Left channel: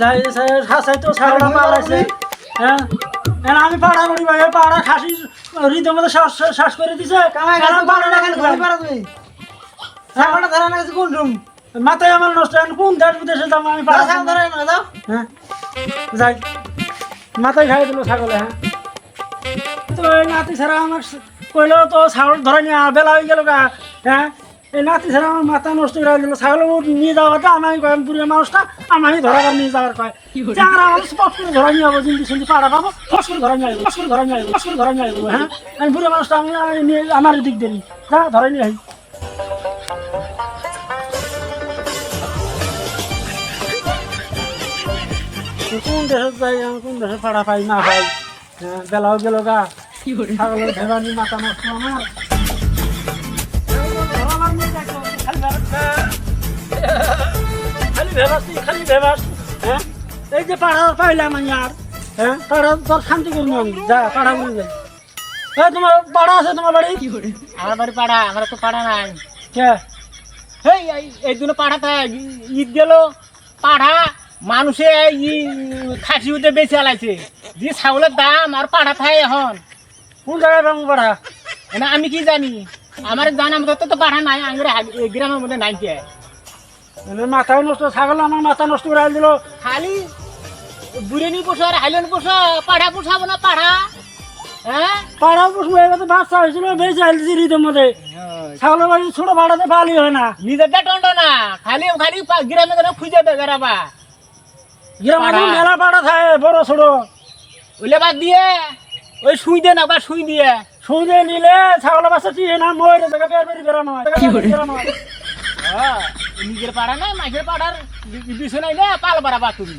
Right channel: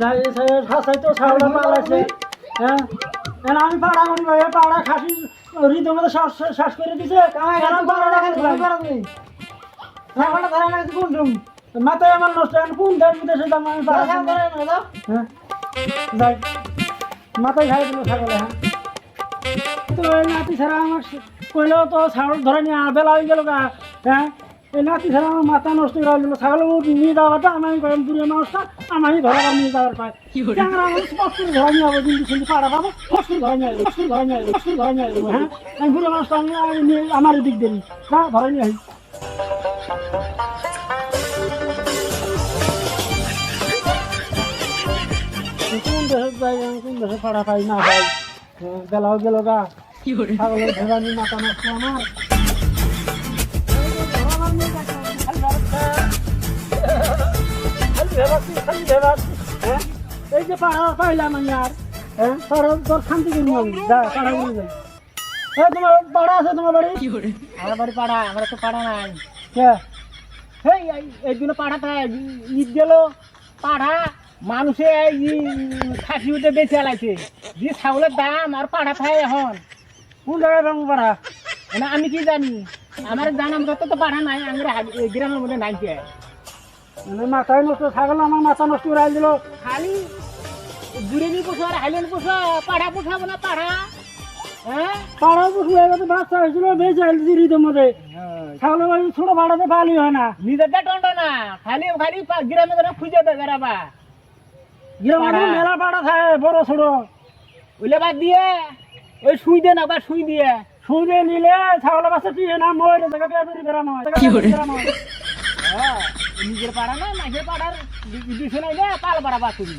যাই খাসাই তো ছাগলটা পালাইছে হ্যাঁ আমি পাড়া করি ভাই পাড়া খাসি হৃদয় মধ্যে শ্বাস করে দিছে কামাই গাছ পাড়া রাখেন ঘরে পাড়া তুমি ছাগলটা ধরা না কোন রুম মাথায় আমার নষ্ট কোন দেশ বিদেশে যাবো আমি পাড়া ছাগল ধরে না দাও হ্যাঁ যাই মাথায় খাই দিল ছাগলে হ্যাঁ তো এই নাতি ছাড়া আমার কইলো তো ছাগল ধরে নিয়ে বেলা হয়ে গেল গা হ্যাঁ এই নাতি ছাড়া আমার মাথা নষ্ট করে দিল ছাগল নিয়ে যাওয়াটা আমি কয় পুরিয়া মানুষটা আমি ধরা নিয়ে যাওয়ার কয় চাংরা আমাদের স্পট করে ধরা নিয়ে যাবো জিনিস শুনতে পাড়া পাবো ফস করে ধরা নিয়ে আসবো ফস করে ধরা নিয়ে আসবো ফস করে ধরা নিয়ে আসবো হ্যাঁ আমি পুরিয়া মানুষটা আমি আমার দিক দেরি হ্যাঁ ধরে নিয়ে আসি কোন দেশে যাই আমি কোন দেশে পাড়া পাই না পাই বেলাও গেল গা ছাগলের ভেবানি মাথা নষ্ট আমার খালি ভেবাসি হ্যাঁ এই যে পাড়া পাইলাম আমি আর হ্যাঁ পাড়া তোর শান্তি করবো আমি যা পাড়া করে যাই তোমার পাড়া আছে তোমার বাড়ি আমার বাড়ি পাড়া আমার তো পাড়া নাই কে এই দুটো পাড়াটা ঈদ গেল পাড়া মানুষে খাসি উঠে বেঁচে আলাইছে যে ছাগলের দাম আর পাড়া খায় এখন কোন জায়গায় পাবো পাড়া না আমি কি জানি আমার জানার মতো তো পাড়া নাই আমার গ্রামের মধ্যে নাই কে মাথায় নষ্ট ছাগল আমার মাথা নষ্ট করে দিল খালি বুড়েনি পোষো আর হাইলেন পোষো পাড়া পোষাবো না পাড়া হ্যাঁ পাড়া পুষবো এবার তো বাচ্চা হয়েছিল বেঁচে আইলছি হৃদয়ের মধ্যে ছাগলের বাড়ি ছোট ভাড়াতে পালি হয় না নিজেরটা টন্ড না খালি খালি গ্রামে গেলে খুঁজে দেবে বেড়াবা মেলা পাড়া থাকে বড় ছোট ওইলে বাদ দিয়ে ওই সুই দে না বা সুই দিয়ে সুদে নিলে ছাগলের বাচ্চা চিয়ে না মরে জায়গা বের বেরানো হয় নিজের পাড়া না মাঝের পাড়ার বিষয় নাই না পাল পাড়া বা তুমি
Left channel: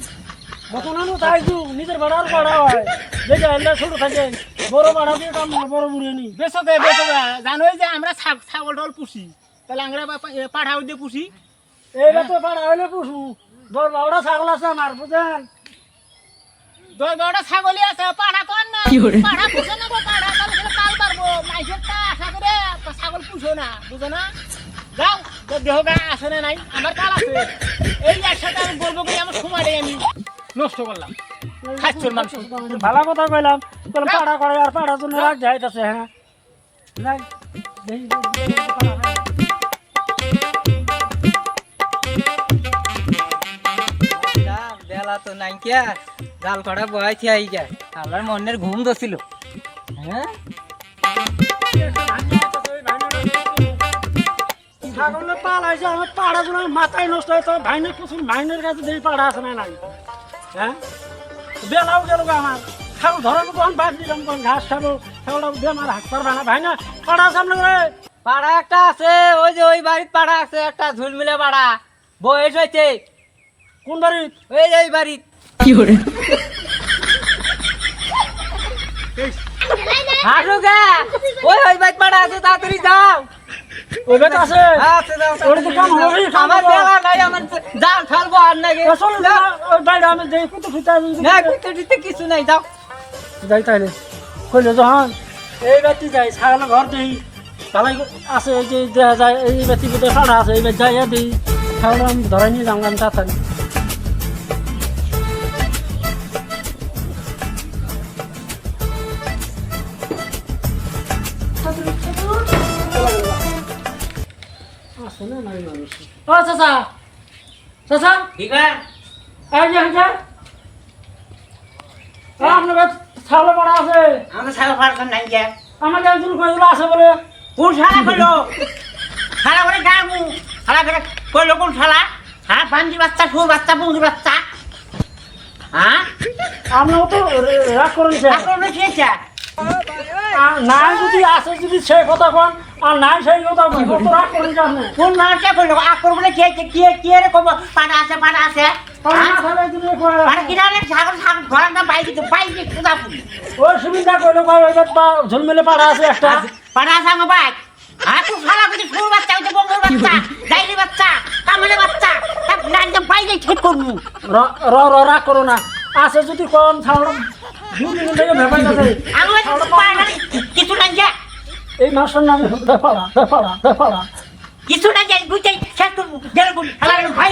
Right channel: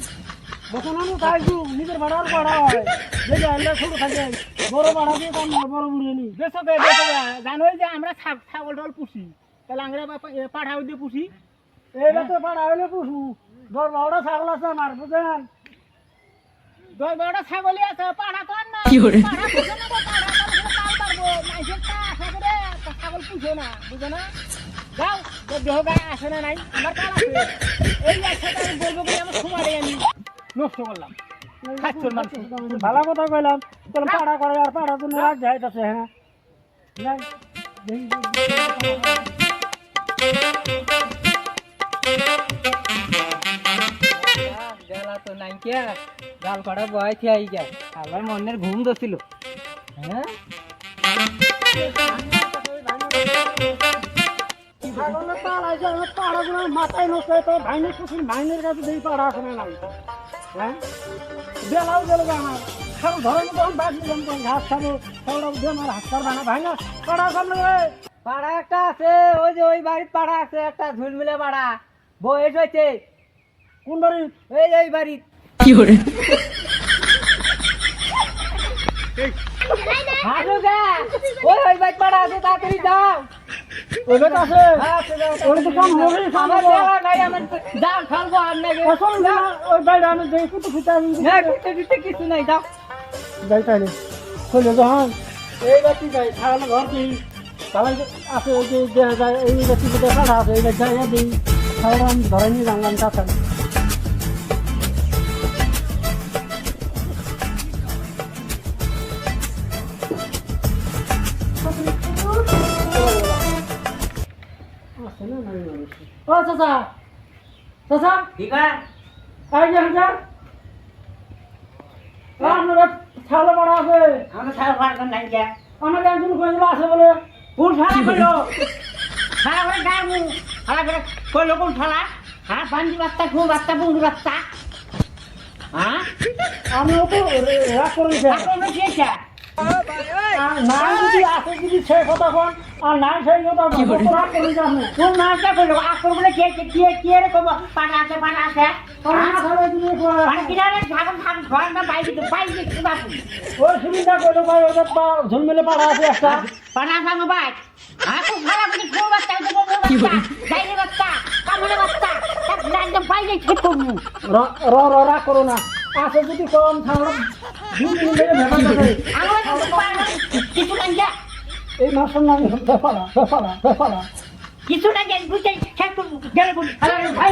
তাই নিজের ভাড়ার পাড়া হয় যেটা হলে ছোট থাকে বড় পাড়া দিয়ে কাম না বড় বুড়িয়ে নি বেসকে বেসকে জানোই যে আমরা ছাগল টাগল পুষি তাহলে আমরা পাড়া দিয়ে পুষি এইবার তো পাড়া হইলে পুষু 10-12টা ছাগল আছে আমার বুঝেন 10-12টা ছাগলই আছে পাড়া তো আর না পাড়া পুষো না পাড়া তাহলে পাল পারবো মাইসের টা আশা করে ছাগল পুষো না বুঝো না যাও দেহ গা আসে না নাই আমার কাল আছে এই একসাথে আমি বলবো কি আমার সময় আমি নষ্ট করলাম খাচ্ছর মানুষ ভালো কথা কইলাম বললাম পাড়া করে আর পাড়ার জন্য রাগ যাইতেছে হ্যাঁ যাই বেলা তো নাই কে গাল কড়া বয়স আই যায় আমার মনের ঘুম দছিল হ্যাঁ ছাগলে পালাইছে আমার পাড়াগুলো মাথায় নষ্ট হতো ভাইনের কুসুম ভাইনের কাছে দেখি পাড়া আছে না নাই হ্যাঁ বেলাও গেল আমার ছাগল ধরানো তখন বাদ দিলাম তখন ঘাস খাবো ছাগলটা উঠে আমার হাত পারবা না ভাই না পাড়া আছে আপনার পাড়া একটা আছে ওই যে ওই বাড়ির পাড়া আছে একটা ঝুলমিলে পাড়া বয়স হয়েছে কোন বাড়ি ওই যে ওই বাড়ির কি করে হাসুগা ওই ওই বাড়ির পাড়া আছে তাড়াতাড়ি যাও ওই বেটা আছে আছে যাও ওর তো কাম হবে আমার দেওয়া নাই আমার জাল ফেলবো আর নাকি আসলে না ওই বাইরে আমি দেখি কত ফুটা না কিছু দিতে কিছু নাই যাও যাই তাইলে কইলে যখন এই বাতি যাই ছাগল ঘর দেই তালাই আছে এই যে দেখা যায় এই বাতি বুঝে পাড়া আছে এই বাতি যাই দিই ছাগল আমি ধরাই নিয়ে যাম আমি তাড়াতাড়ি ও চাচা চাচা ঠিক আছে এই যে হ্যাঁ আপনার ছাগল পাড়া আছে আমরা ছাগল ফাড়া নাই কে আমার একজন কইলো আছে বলে কোন শালা কইলো শালা করে গামু শালা করে কইলো কোন শালা হ্যাঁ বান্দি বাচ্চা ফুল বাচ্চা বন্ধু বাচ্চা হ্যাঁ আপনিও তো রাগ করেছে আপনার খেয়েছে না যদি আছে যদি সে কথা কোন আর নাই সেই কথা কোন কত রাগ করেছে আপনি কোন নাটক কইলো আক্রমণে খেয়েছে কি রে কব পাড়া আছে না তাহলে যদি আর কিনারে ছাগল ছাগল ঘোড়া না বাইকে কুদা ওই সুবিধা কইলো কই ওই বা ঝুলমেলে পাড়া আছে একটা পাড়া সাঙ্গ বাইক হ্যাঁ তুই শালা করে ফুল বাচ্চা ওই বন্ধু বাচ্চা ডাইলি বাচ্চা কামড়ে বাচ্চা না একদম বাইকে ঠিক করবো রাগ করো না আছে যদি কম ছাগল কিছু নাই যে এই মাসের নাম বেপাড়া কিছু নাই যে বুঝাই শেষ করবো ভাই